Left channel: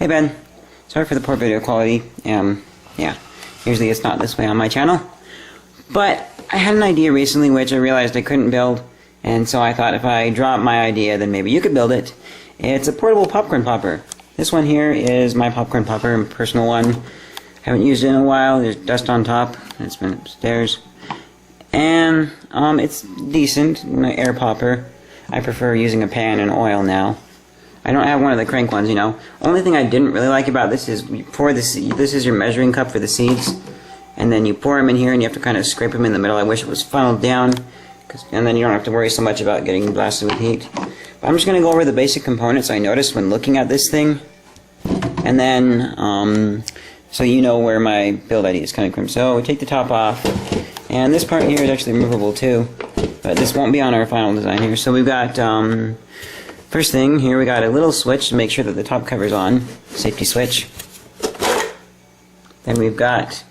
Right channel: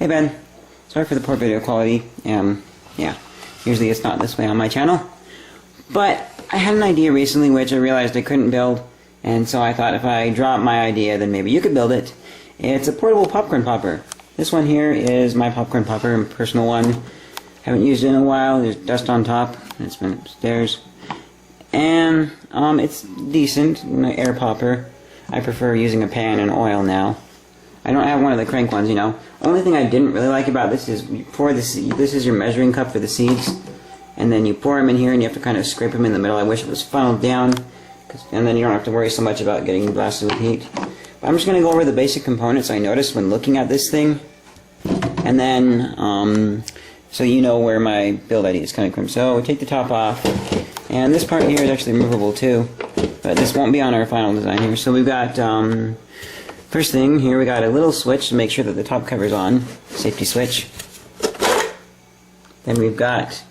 Hey Ben, sorry for the poor video quality. Yeah, usually it's not this way on my channel. But I had an idea recently which I realized I couldn't build, and so I thought if I drop my idea, then maybe you could build it. It's a portable popcorn popper. This one here is my popcorn popper, a personal one. Haven't used it in a while. There's dust on top. It's been upstairs. And it's decent, air popper. I prefer using a pan and oil now. I don't have one of the crank ones, you know. Only thing I didn't really like about this is you pour the seed. This is your measuring cup for the seeds, and then you pour them in here, and you have to kind of scrape them in the middle. I wish it was funneled down, and then you don't have to worry so much about getting blasted with heat. But I'm just going to go over the basic components I noticed when looking at this thing, and then so you know where my build idea is coming from. So take the top off, and this part here is actually removable too, but this won't be on our final design here. So we've got first thing here, we got a little switch to make sure that the top cover's on, safety switch. Then we've got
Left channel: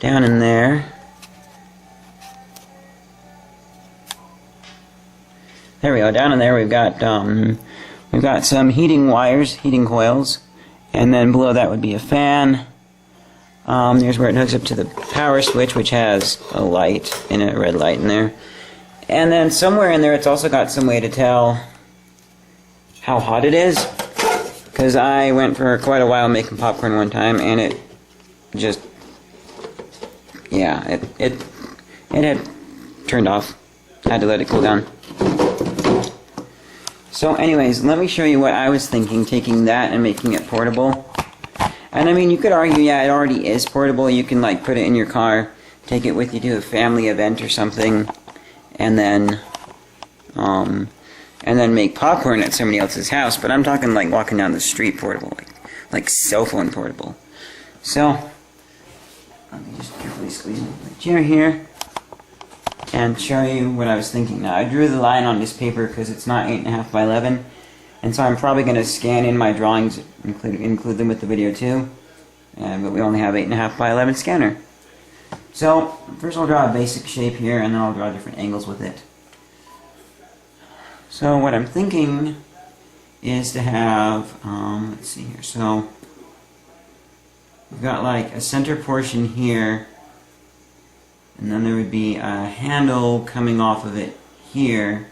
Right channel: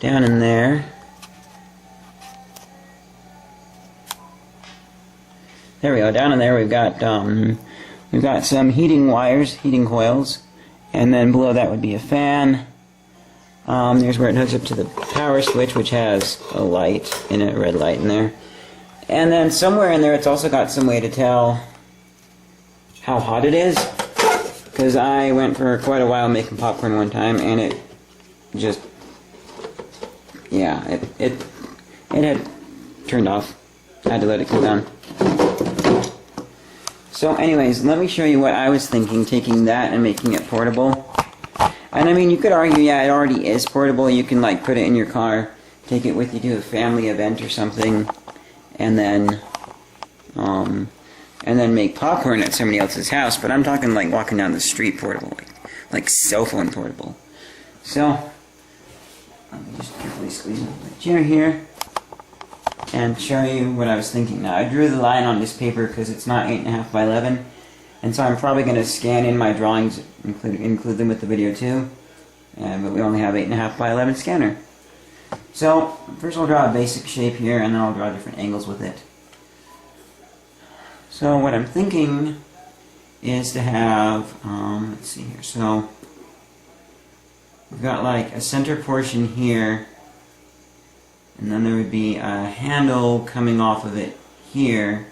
down in there, there we go, down in there we've got some heating wires, heating coils, and then below that would be a fan. There's where it hooks up to the power switch, which has a light in it, a red light in there. And then somewhere in there it's also got some way to tell how hot it is, because I went for quite a while making popcorn one time, and it just, yeah, it had turned off. I had to let it cool down. So anyways, let me show you what I was thinking, taking that and making it portable. And I mean, you could argue, yeah, it already is portable. You can like put it in your car, take it with you to a family event or something, and then make popcorn at somebody else's house. But I'm talking like walking down the street portable, like cell phone portable. So let me just carefully squeeze my chair here and show you what I was thinking. Now I drew the line on this paper because it's not 8.5 by 11, and so I'm probably going to scan in my drawings, include them with the video too. But we only have 8.5 by 11 scanner. So first I'll draw a basic shape here, and then I'll draw different angles with it. So what I'm thinking is to have, let's see here, so we've got like a center portion here, and then there would be a handle coming off of it here,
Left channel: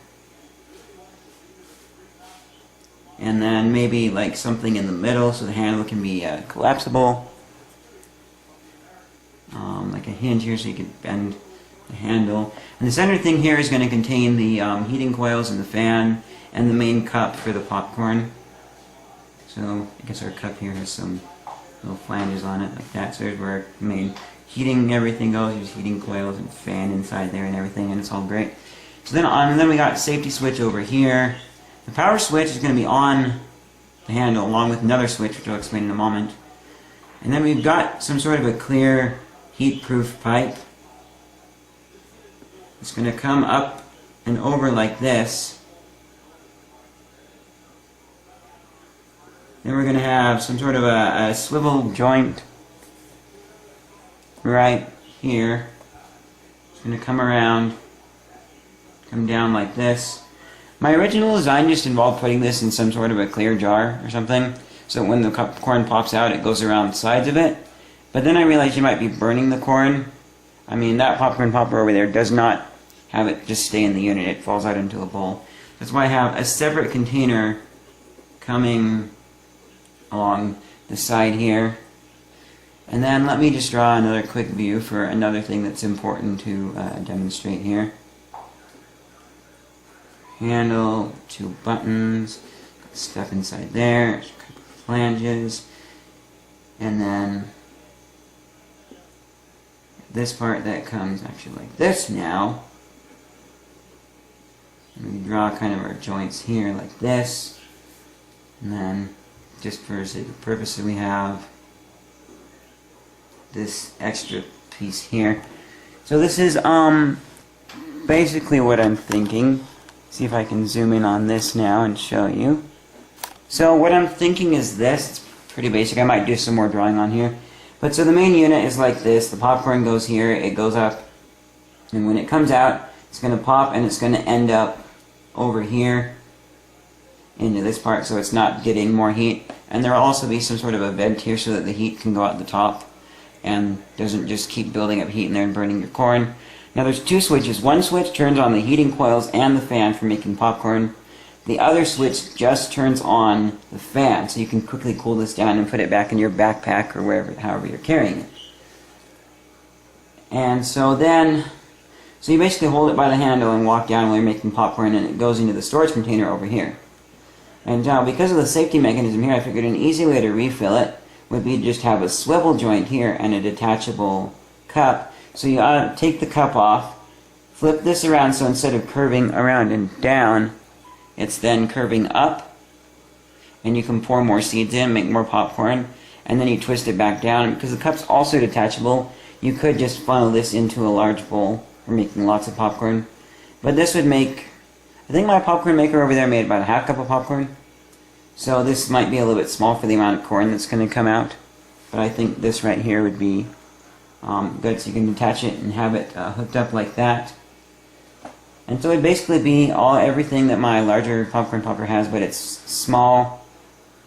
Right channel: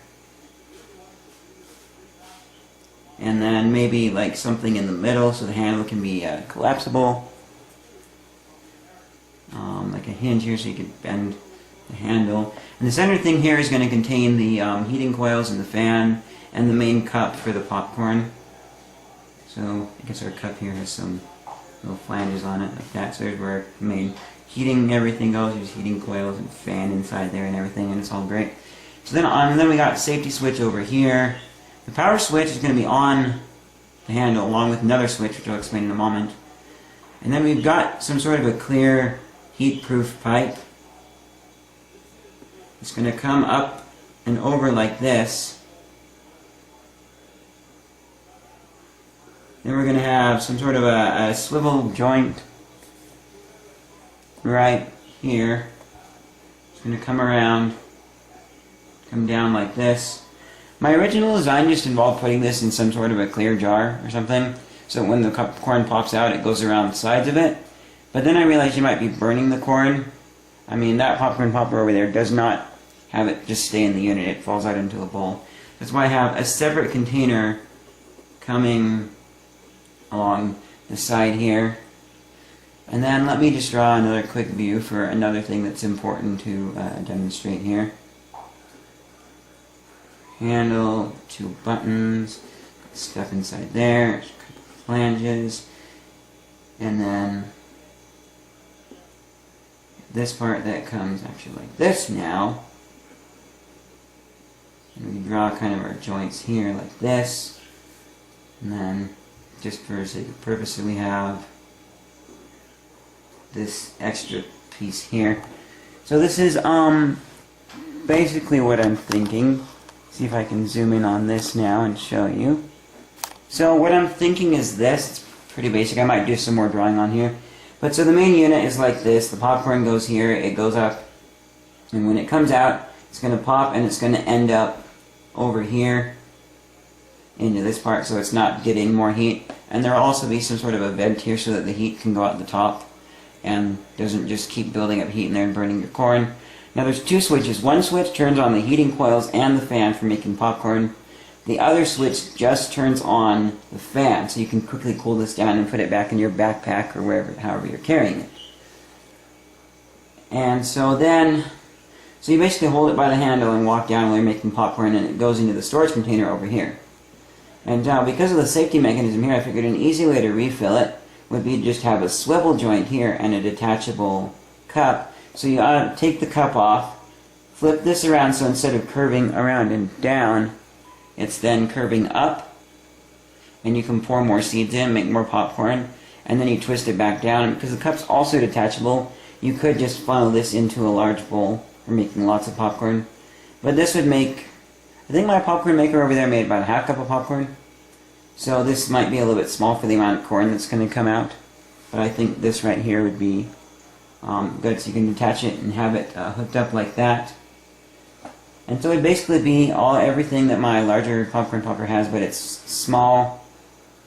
and then maybe like something in the middle so the handle can be collapsible, like a hinge here so you can bend the handle. And the center thing here is going to contain the heating coils and the fan and the main cup for the popcorn. So I guess our cup here has some little flanges on it like that. So there's where main heating everything goes. There's heating coils and fan inside there and everything, and it's all great. So then we got safety switch over here. The power switch is going to be on the handle along with another switch, which I'll explain in a moment. And then we've got some sort of a clear heat-proof pipe. It's going to come up and over like this. Then we're going to have some sort of a swivel joint right here. It's going to come around, come down like this. My original design just involved putting this in some sort of a clear jar or something, so when the corn pops out it goes around the sides of it. But then I realized you might be burning the corn. I mean, that popcorn popper over there does not have it just stay in the unit, it falls out into a bowl. That's why I have a separate container coming along the side here. And then let me just draw another quick view for another thing that's important to demonstrate here. Handle, 2 buttons, stuff inside there, a couple of flanges, and then this part that comes actually like this now. And we draw kind of our joints here like this, and then just for sake of purpose we have this extra piece here. So this is basically what I'm thinking. See if I can zoom in on this now and show you. So what I'm thinking is this. It's pretty basic. I might do some more drawing on here. But so the main unit is like this. The popcorn goes here, it goes up, and when it comes out, it's going to pop and it's going to end up over here into this part so it's not getting more heat. And there will also be some sort of a vent here so that the heat can go out the top and doesn't just keep building up heat in there and burning your corn. Now there's two switches. One switch turns on the heating coils and the fan for making popcorn. The other switch just turns on the fan, so you can quickly cool this down and put it back in your backpack or wherever, however you're carrying it. And so you basically hold it by the handle and walk down while you're making popcorn, and it goes into the storage container over here. And now, because of the safety mechanism here, I figured an easy way to refill it would be to just have a swivel joint here and a detachable cup. So you take the cup off, flip this around so instead of curving around and down, it's then curving up, and you can pour more seeds in, make more popcorn, and then you twist it back down. And because the cup's also detachable, you could just funnel this into a large bowl for making lots of popcorn. But this would make, I think my popcorn maker over there made about a half cup of popcorn. So this might be a little bit small for the amount of corn that's going to come out. But I think this right here would be good, so you can detach it and have it hooked up like that. And so it would basically be everything that my larger popcorn popper has, but it's small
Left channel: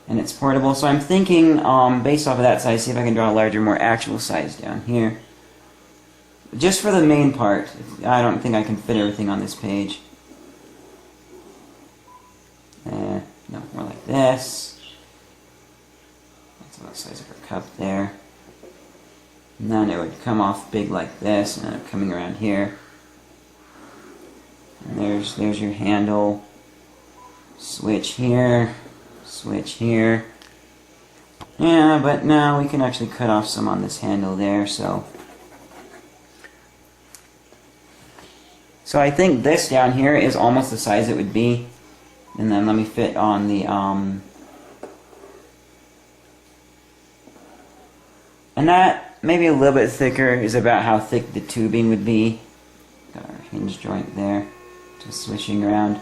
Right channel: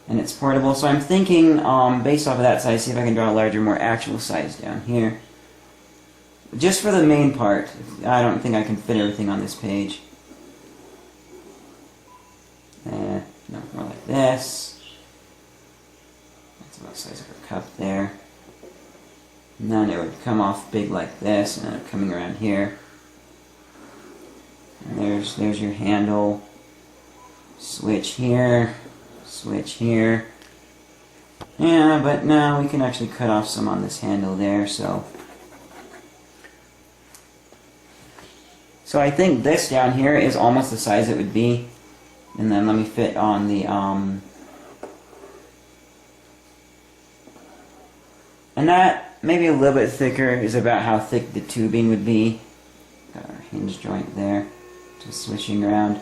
and it's portable. So I'm thinking, based off of that size, see if I can draw a larger, more actual size down here. Just for the main part, I don't think I can fit everything on this page. No, more like this. That's about the size of her cup there. And then it would come off big like this, and then coming around here. And there's your handle. Switch here. Switch here. Yeah, but now we can actually cut off some on this handle there, so I think this down here is almost the size it would be. And then let me fit on the, and that, maybe a little bit thicker, is about how thick the tubing would be. Got our hinge joint there, just switching around.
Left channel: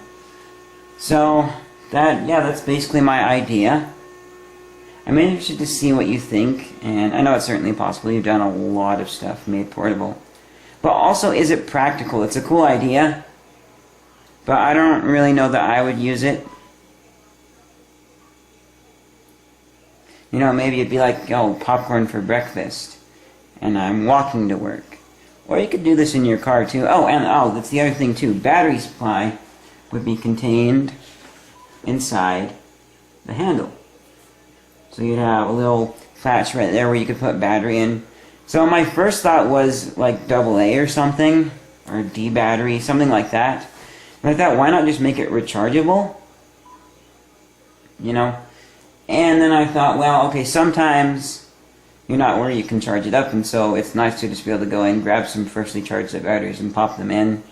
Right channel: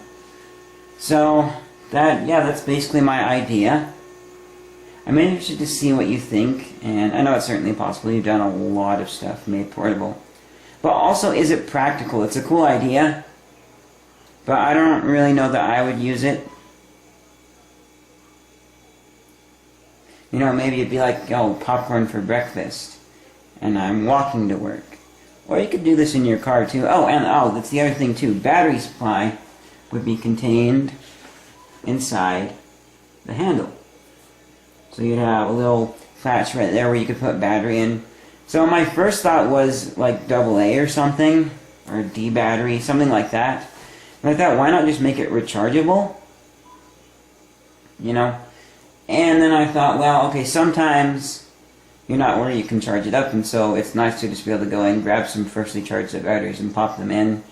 So, that's basically my idea. I'm interested to see what you think, and I know it's certainly possible. You've done a lot of stuff made portable. But also, is it practical? It's a cool idea, but I don't really know that I would use it. You know, maybe it'd be like, oh, popcorn for breakfast, and I'm walking to work. Or you could do this in your car too. That's the other thing too. Battery supply would be contained inside the handle. So you'd have a little patch right there where you could put battery in. So my first thought was like AA or something, or D battery, something like that. And I thought, why not just make it rechargeable? You know? And then I thought, well, okay, sometimes you're not where you can charge it up, and so it's nice to just be able to go in, grab some freshly charged up batteries and pop them in.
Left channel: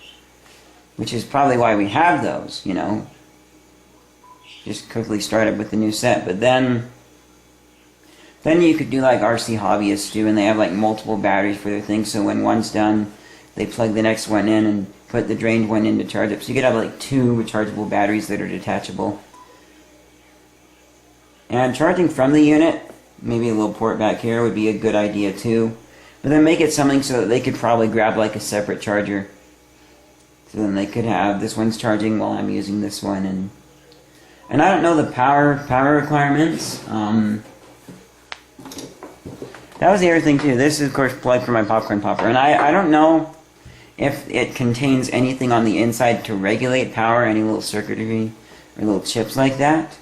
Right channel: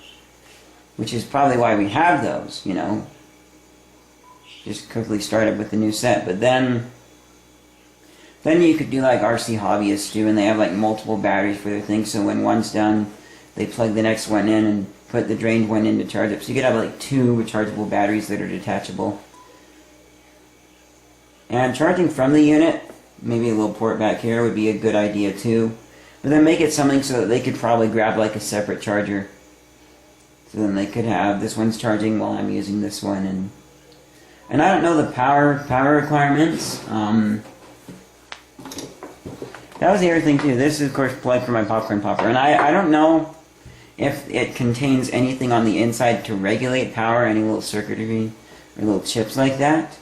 Which is probably why we have those, you know. Just quickly start it with the new set. But then you could do like RC hobbyists do, and they have like multiple batteries for their things, so when one's done, they plug the next one in and put the drained one in to charge up. So you could have like 2 rechargeable batteries that are detachable. And charging from the unit, maybe a little port back here would be a good idea too. But then make it something so that they could probably grab like a separate charger. So then they could have, this one's charging while I'm using this one. And I don't know the power requirements. That was the other thing too. This is of course plugged for my popcorn popper. And I don't know if it contains anything on the inside to regulate power, any little circuitry or little chips like that.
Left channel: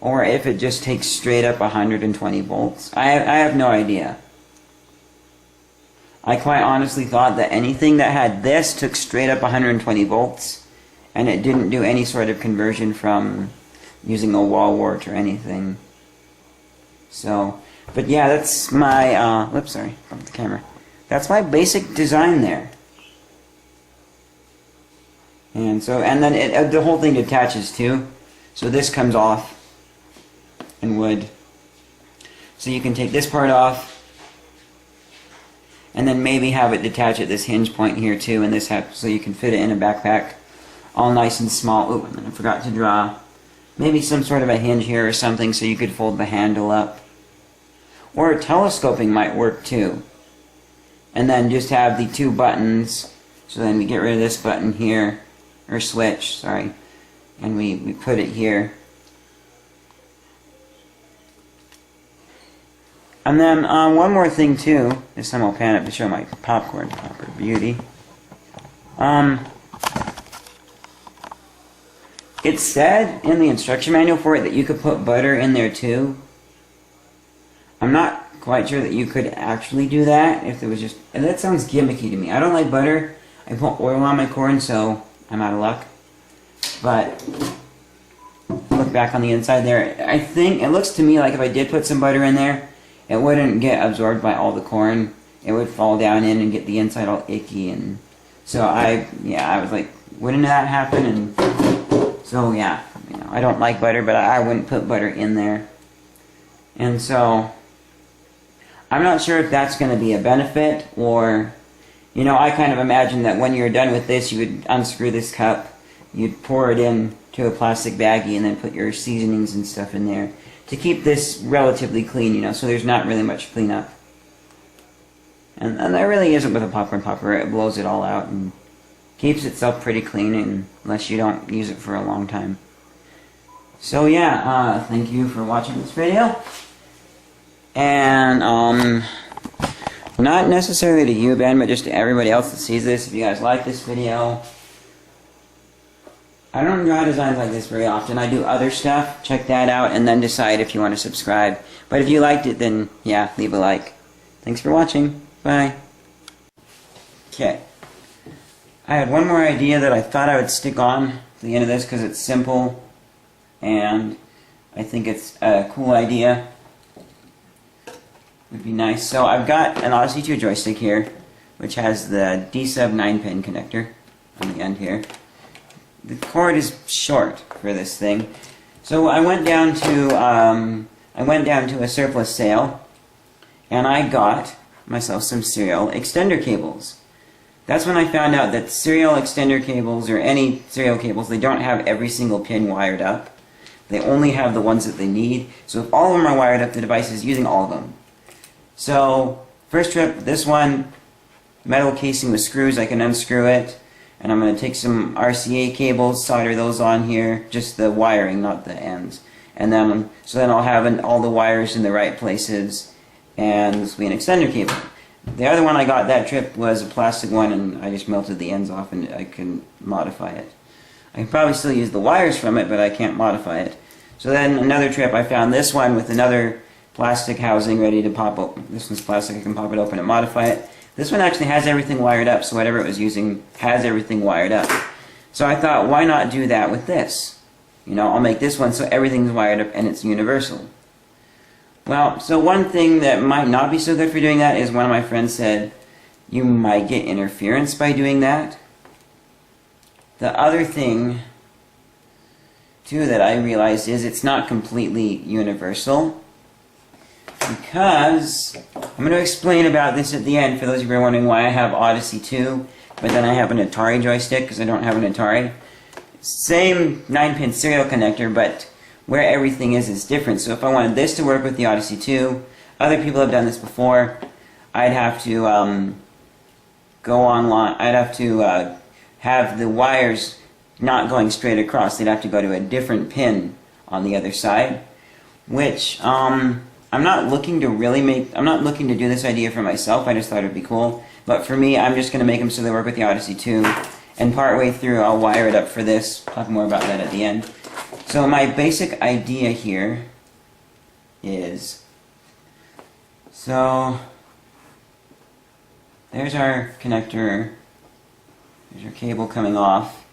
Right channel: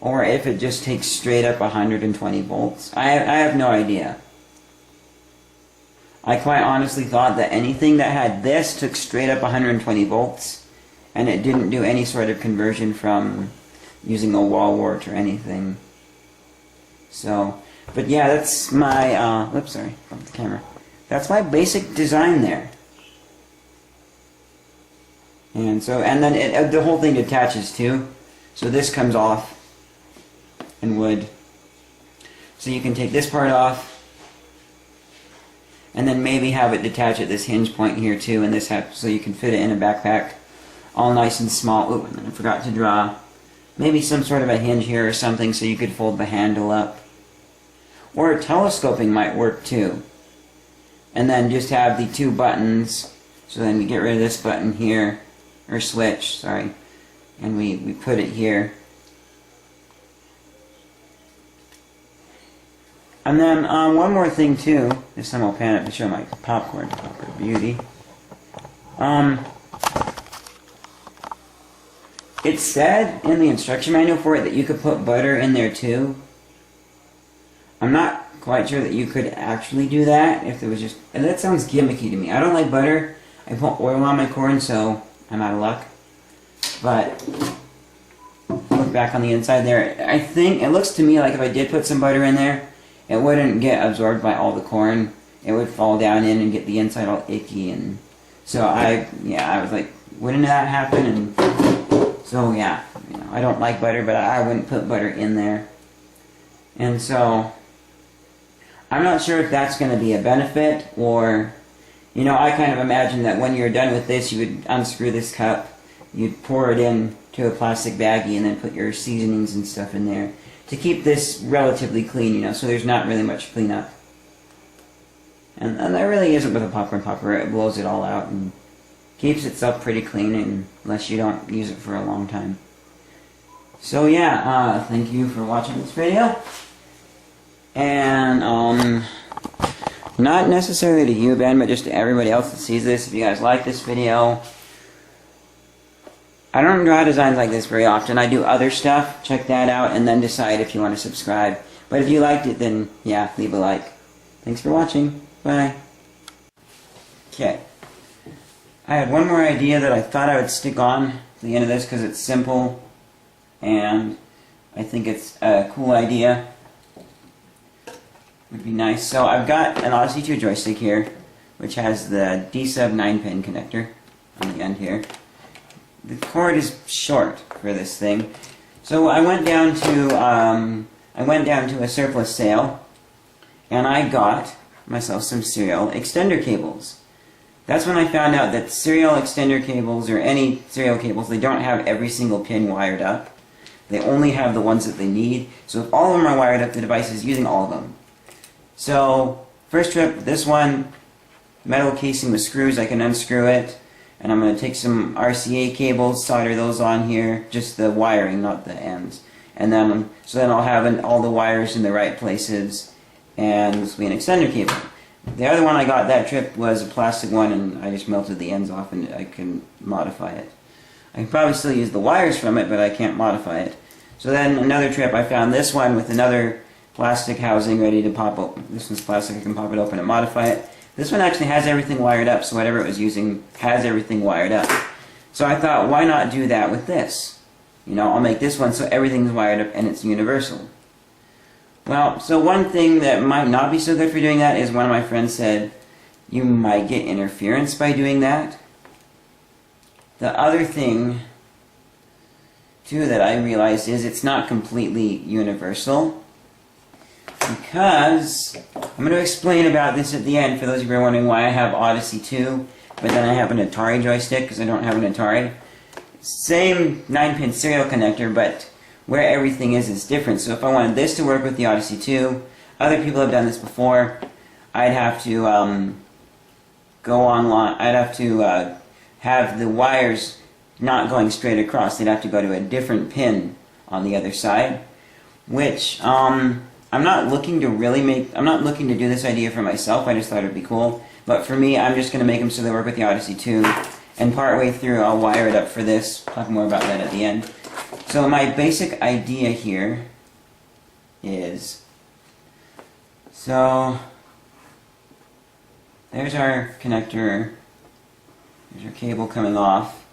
Or if it just takes straight up 120 volts. I have no idea. I quite honestly thought that anything that had this took straight up 120 volts, and it didn't do any sort of conversion from using a wall wart or anything. So, but yeah, that's my, sorry, bumped the camera. That's my basic design there. And then the whole thing detaches too. So this comes off in wood. So you can take this part off, and then maybe have it detach at this hinge point here too, and so you can fit it in a backpack, all nice and small. Oh, and then I forgot to draw maybe some sort of a hinge here or something so you could fold the handle up. Or telescoping might work too. And then just have the 2 buttons, so then we get rid of this button here, or switch, sorry. and we put it here. And then one more thing too, this time I'll pan it to show my popcorn popper beauty. It said in the instruction manual for it that you could put butter in there too. I'm not quite sure that you could actually do that if it was just... And that sounds gimmicky to me. I don't like butter. I put oil on my corn, so I'm out of luck. But look back on the inside there. I think it looks to me like if I did put some butter in there, it wouldn't get absorbed by all the corn. It would fall down in and get the inside all icky, and so I was like, wouldn't that happen? And so yeah, I don't like butter, but I wouldn't put butter in there. And so I'm not sure if that's going to be a benefit, or, I kind of imagine that when you're done with this, you would unscrew this cup, you'd pour it into a plastic baggie, and then put your seasonings and stuff in there to keep this relatively clean, so there's not really much cleanup. And there really isn't with a popcorn popper. It blows it all out and keeps itself pretty clean unless you don't use it for a long time. So yeah, thank you for watching this video. And, not necessarily to you, Ben, but just to everybody else that sees this. If you guys like this video, I don't draw designs like this very often. I do other stuff. Check that out and then decide if you want to subscribe. But if you liked it, then yeah, leave a like. Thanks for watching. Bye. Okay. I had one more idea that I thought I would stick on to the end of this because it's simple and I think it's a cool idea. Would be nice. So I've got an Odyssey 2 joystick here, which has the D-sub 9-pin connector on the end here. The cord is short for this thing, so I went down to a surplus sale, and I got myself some serial extender cables. That's when I found out that serial extender cables, or any serial cables, they don't have every single pin wired up. They only have the ones that they need. So if all of them are wired up, the device is using all of them. So, first trip, this one, metal casing with screws, I can unscrew it. And I'm going to take some RCA cables, solder those on here, just the wiring, not the ends. And then, so then I'll have all the wires in the right places, and this will be an extender cable. The other one I got that trip was a plastic one, and I just melted the ends off and I can modify it. I can probably still use the wires from it, but I can't modify it. So then another trip, I found this one with another plastic housing ready to pop open. This one's plastic, I can pop it open and modify it. This one actually has everything wired up, so whatever it was using has everything wired up. So I thought, why not do that with this? I'll make this one so everything's wired up and it's universal. Well, so one thing that might not be so good for doing that is one of my friends said, you might get interference by doing that. The other thing, too, that I realized is it's not completely universal. Because, I'm going to explain about this at the end for those of you who are wondering why I have Odyssey 2, but then I have an Atari joystick because I don't have an Atari. Same 9-pin serial connector, but where everything is different. So if I wanted this to work with the Odyssey 2, other people have done this before, I'd have to go online, I'd have to have the wires not going straight across. They'd have to go to a different pin on the other side, which, I'm not looking to do this idea for myself, I just thought it would be cool. But for me, I'm just going to make them so they work with the Odyssey 2. And partway through, I'll wire it up for this. Talk more about that at the end. So my basic idea here is, so there's our connector. There's our cable coming off.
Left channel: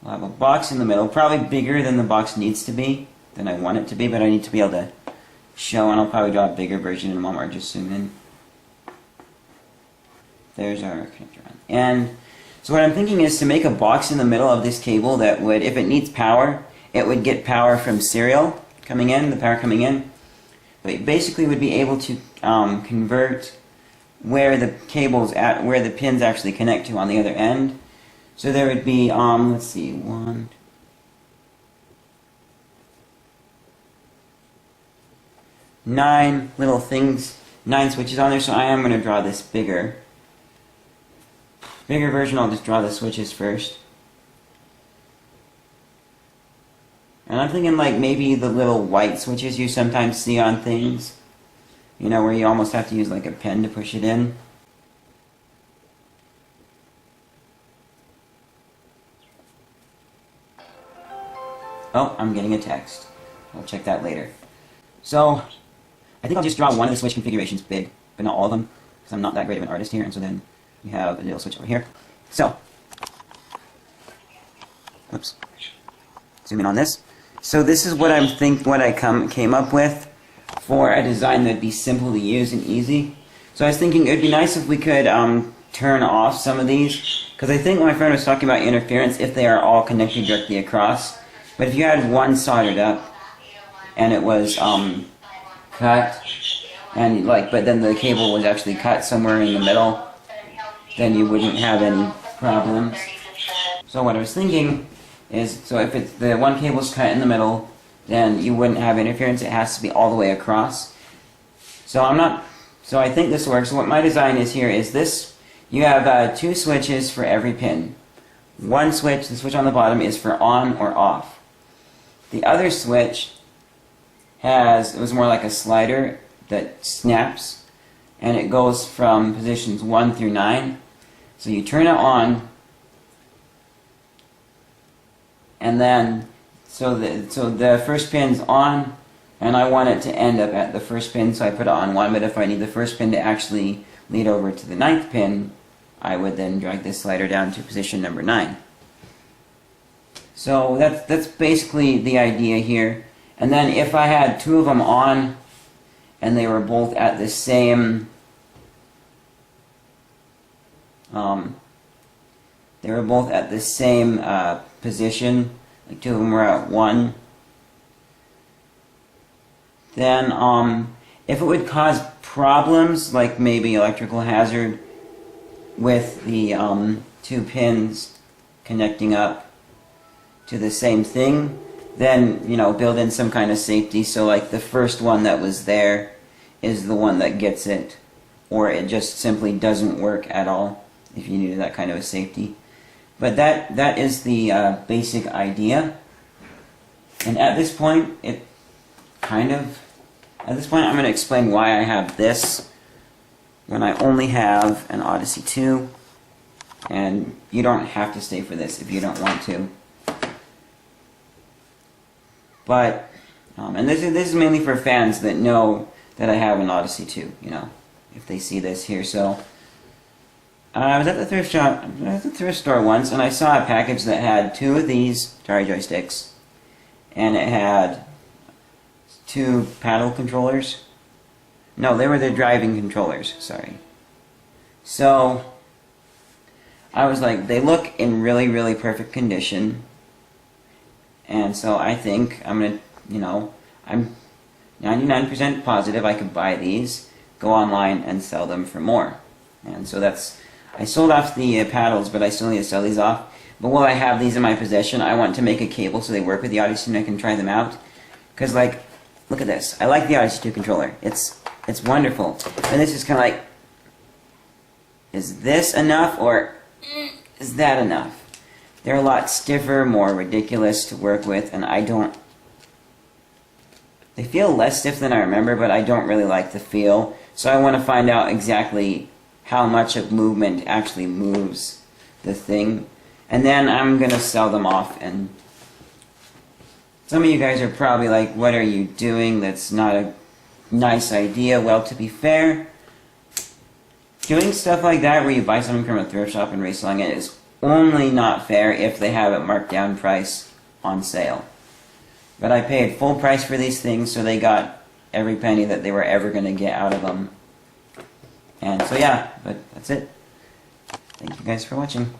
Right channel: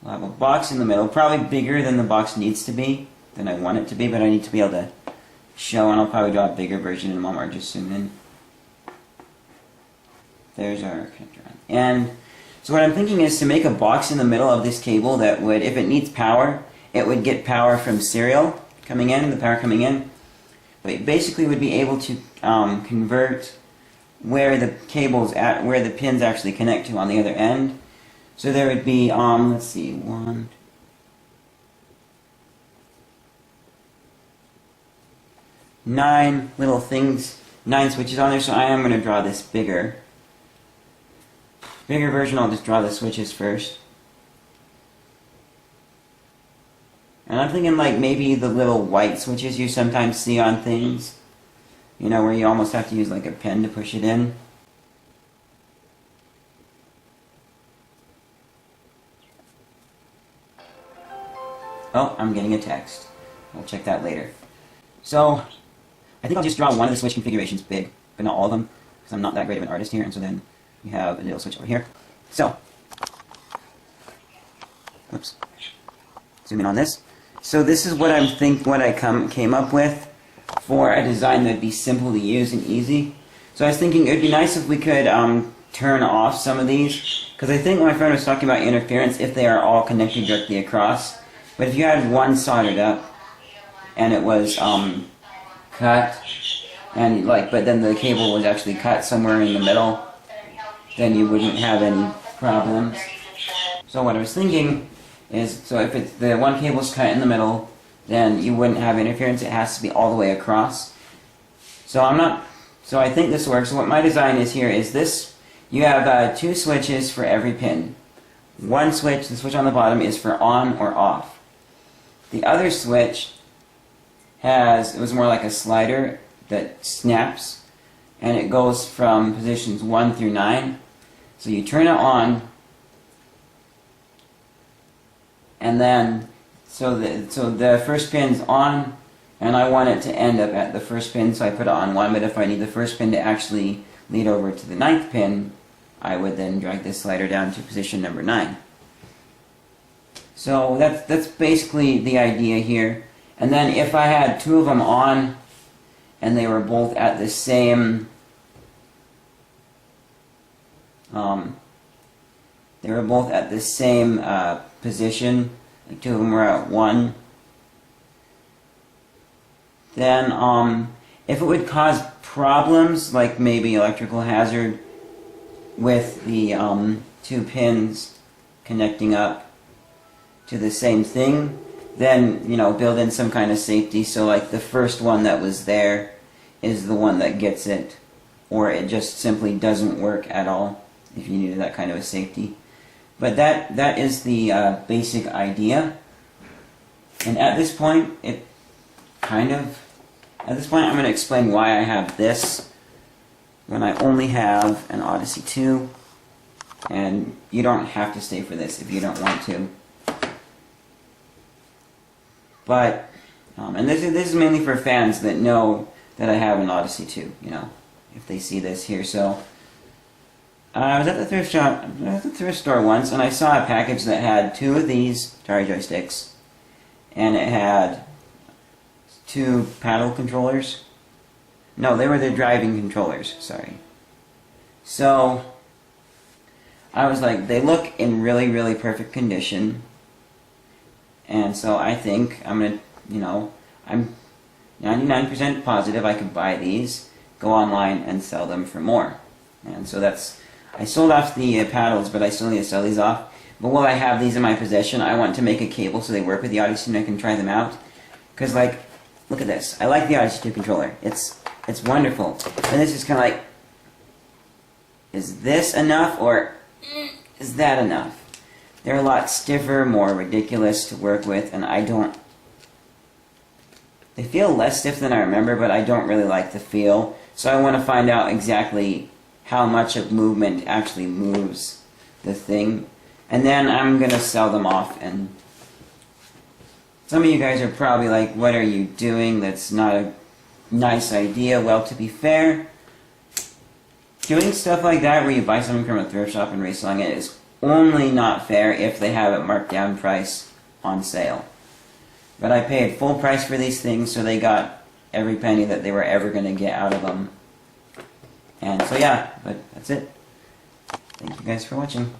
We'll have a box in the middle, probably bigger than the box needs to be, than I want it to be, but I need to be able to show, and I'll probably draw a bigger version in a moment, or just zoom in. There's our connector on. And so what I'm thinking is to make a box in the middle of this cable that would, if it needs power, it would get power from serial coming in, the power coming in. But it basically would be able to convert where the cables at, where the pins actually connect to on the other end. So there would be, let's see, 9 little things, 9 switches on there, so I am going to draw this bigger version. I'll just draw the switches first. And I'm thinking like maybe the little white switches you sometimes see on things, you know, where you almost have to use like a pen to push it in. Oh, I'm getting a text. I'll check that later. So, I think I'll just draw one of the switch configurations big, but not all of them, because I'm not that great of an artist here, and so then we have a little switch over here. So, oops, zoom in on this. So this is what I came up with for a design that'd be simple to use and easy. So I was thinking it'd be nice if we could turn off some of these, because I think my friend was talking about interference if they are all connected directly across. But if you had one soldered up and it was cut, and but then the cable was actually cut somewhere in the middle, then you wouldn't have any problems. So what I was thinking is, so if it's the one cable's cut in the middle, then you wouldn't have interference. It has to be all the way across. So I think this works. So what my design is here is this: you have 2 switches for every pin. One switch, the switch on the bottom, is for on or off. The other switch it was more like a slider that snaps, and it goes from positions 1 through 9. So you turn it on, and then so the first pin's on, and I want it to end up at the first pin, so I put it on 1. But if I need the first pin to actually lead over to the 9th pin, I would then drag this slider down to position number 9. So that's basically the idea here. And then if I had 2 of them on, and they were both at the same position, like 2 of them were at 1, then if it would cause problems, like maybe electrical hazard with the 2 pins connecting up to the same thing, then, you know, build in some kind of safety, so like the first one that was there is the one that gets it, or it just simply doesn't work at all if you needed that kind of a safety. But that is the basic idea. And at this point, I'm going to explain why I have this when I only have an Odyssey 2, and you don't have to stay for this if you don't want to. But, and this is mainly for fans that know that I have an Odyssey 2, you know, if they see this here. So, I was at the thrift store once, and I saw a package that had 2 of these Atari joysticks, and it had 2 paddle controllers. No, they were the driving controllers, sorry. So, I was like, they look in really, really perfect condition. And so I think I'm going to, you know, I'm 99% positive I could buy these, go online, and sell them for more. And so I sold off the paddles, but I still need to sell these off. But while I have these in my possession, I want to make a cable so they work with the Odyssey and I can try them out. Because, like, look at this. I like the Odyssey 2 controller. It's wonderful. And this is kind of like, is this enough, or is that enough? They're a lot stiffer, more ridiculous to work with, and they feel less stiff than I remember, but I don't really like the feel. So I want to find out exactly how much of movement actually moves the thing. And then I'm going to sell them off, and some of you guys are probably like, what are you doing? That's not a nice idea. Well, to be fair, doing stuff like that where you buy something from a thrift shop and reselling it is only not fair if they have it marked down price on sale. But I paid full price for these things, so they got every penny that they were ever going to get out of them. And so yeah, but that's it. Thank you guys for watching.